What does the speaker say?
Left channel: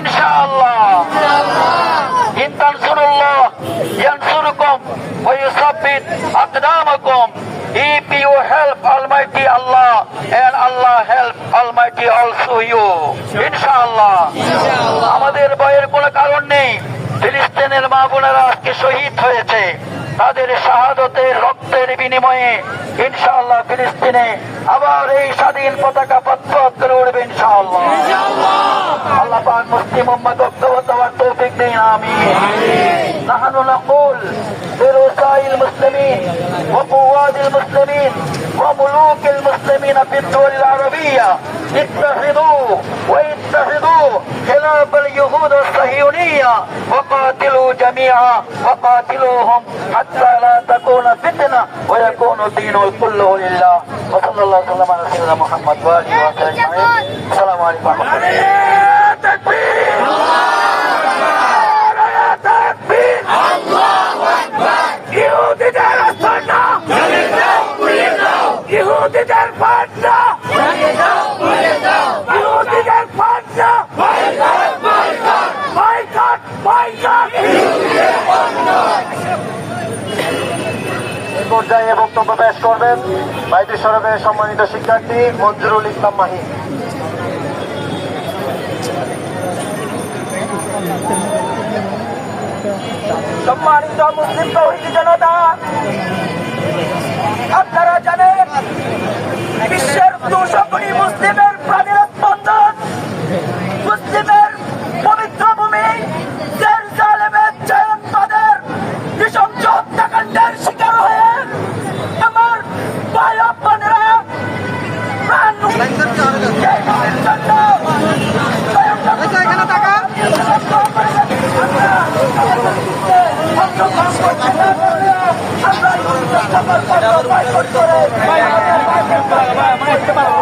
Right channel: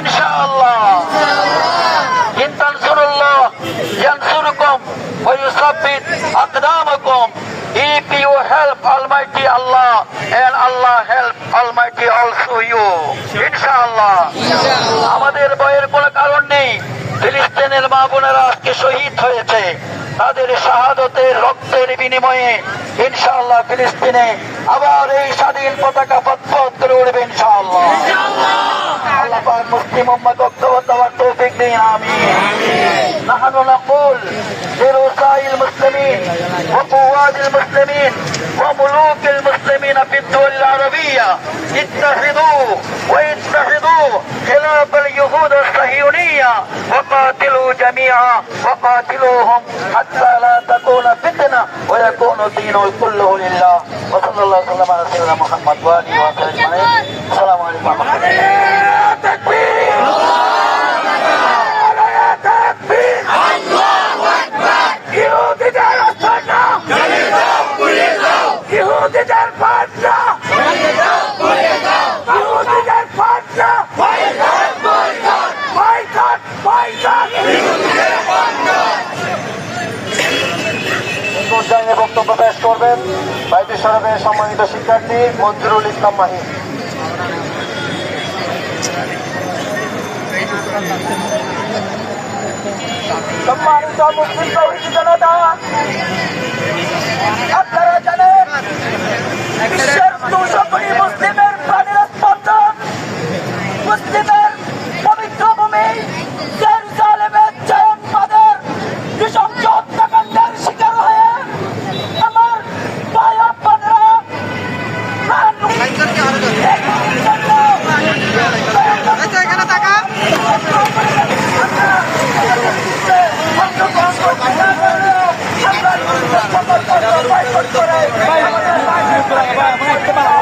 ইনশাআল্লাহ। ইন তানসুরুল্লাহ ইয়ানসুরকুম ওয়া ইউসাব্বিত আকদামাকুম। If you help Almighty Allah, and Allah help Almighty also you, ইনশাআল্লাহ। আমাদের ভয়ের কোনো কারণ নেই। ফিলিস্তিনের মা বোনেরা আজকে শহীদ হয়েছে, তাদের শাহাদতের রক্তের বিনিময়ে ইনশাআল্লাহ ফিলিস্তিনে আবার এই স্বাধীন পতাকা ফতফত করে উঠবে ইনশাআল্লাহ। আল্লাহ পাক মুসলিম উম্মাহ ঐক্যবদ্ধ হওয়ার তৌফিক দিন, আমিন। নাহনু নাকুল লিরুসাইল মুসলিমিন ওয়া কুওয়াদিল মুসলিমিন ওয়া মুলুকিল মুসলিমিন ফি الدول العربية اتحدوا واتحدوا خلاف اليهود الصهيونية وقاتلوا جميعا وقاتلوهم حتى لا تكون فتنة ويكون الدين كله لله. وصلى الله وسلم على سيدنا محمد وآله وصحبه أجمعين. السلام عليكم ورحمة الله. تكبير تكبير ইহুদিদের আস্তানা ইহুদিদের পান্না ইহুদিদের পান্না বয়কট বয়কট। পর্যায়ে বক্তব্য পেশ করবেন বাইতুল শরফের সম্মানিত শিক্ষার্থী মঞ্জুরুল ইসলাম মাহি। সম্মানিত মুসলিম তৌহিদি জনতা, আপনারা জানেন বিশ্বের 200 কোটি মুসলিমের প্রাণের স্পন্দন, মুসলিমের পবিত্র ভূমি জেরুজালেমের জয়নবাদের নৃশংস হত্যাকাণ্ডের শিকার হয়ে আমার ভাই ও বোনেরা প্রাণ আমরা